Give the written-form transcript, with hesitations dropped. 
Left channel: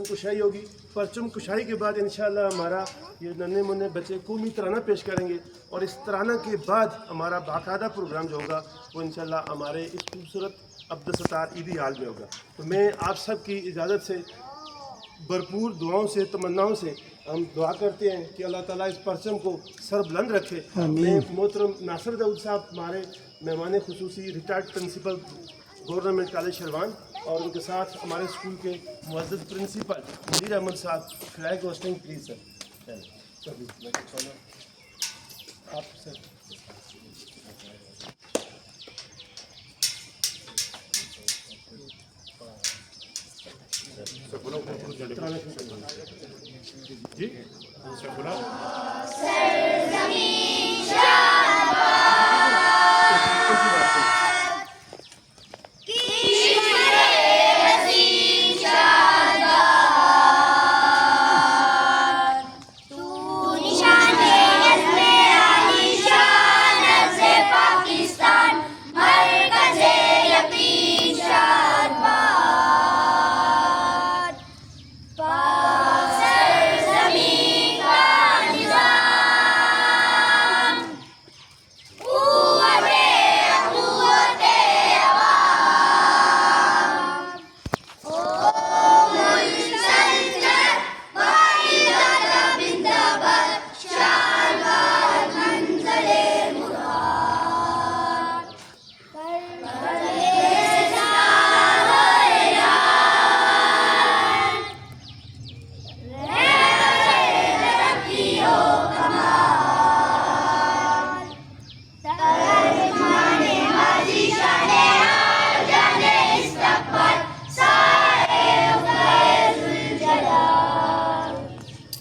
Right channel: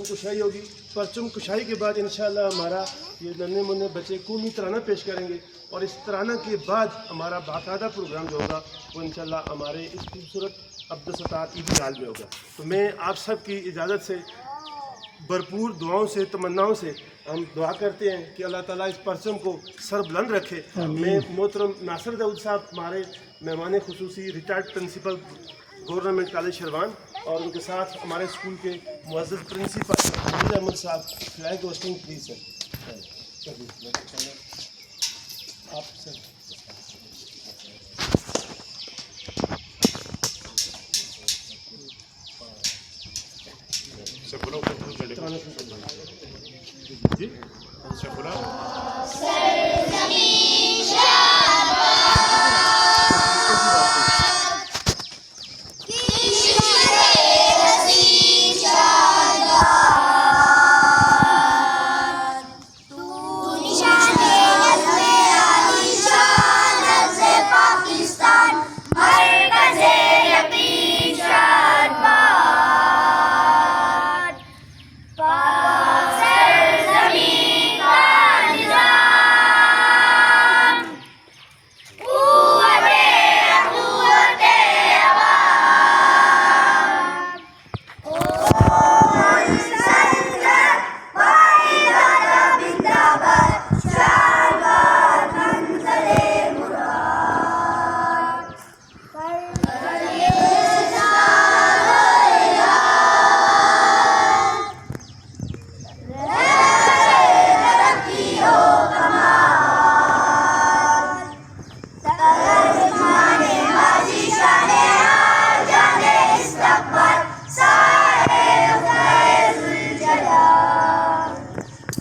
परचम कुशाई होगी। परचम कुशाई के बाद इंशाल्लाह हमारा ये नन्हे मुन्ने बच्चे कौमी तराना पेश करेंगे और इस तराना के बाद हमारा बाकायदा प्रोग्राम जो होगा वो इंशाल्लाह हमारे इस खूबसूरत अब्दुलसत्तार ईदी हाल में होगा। तो मैं आप सब की इजाज़त से भरपूर दुआओं से तमन्नाओं से हम दुआ करते हैं कि अल्लाह ताला इस परचम को सरबुलंद रखे। मैं मोहतरम नासिर दाऊद साहब हमारे मेहमान खुसूसी retired principal government college Sharwan और उनके साथ हमारे स्कूल के मुअज़्ज़ज़ प्रिंसिपल हमीद अहमद साहब फ्लैग होस्टिंग प्लीज सर। आप सर जी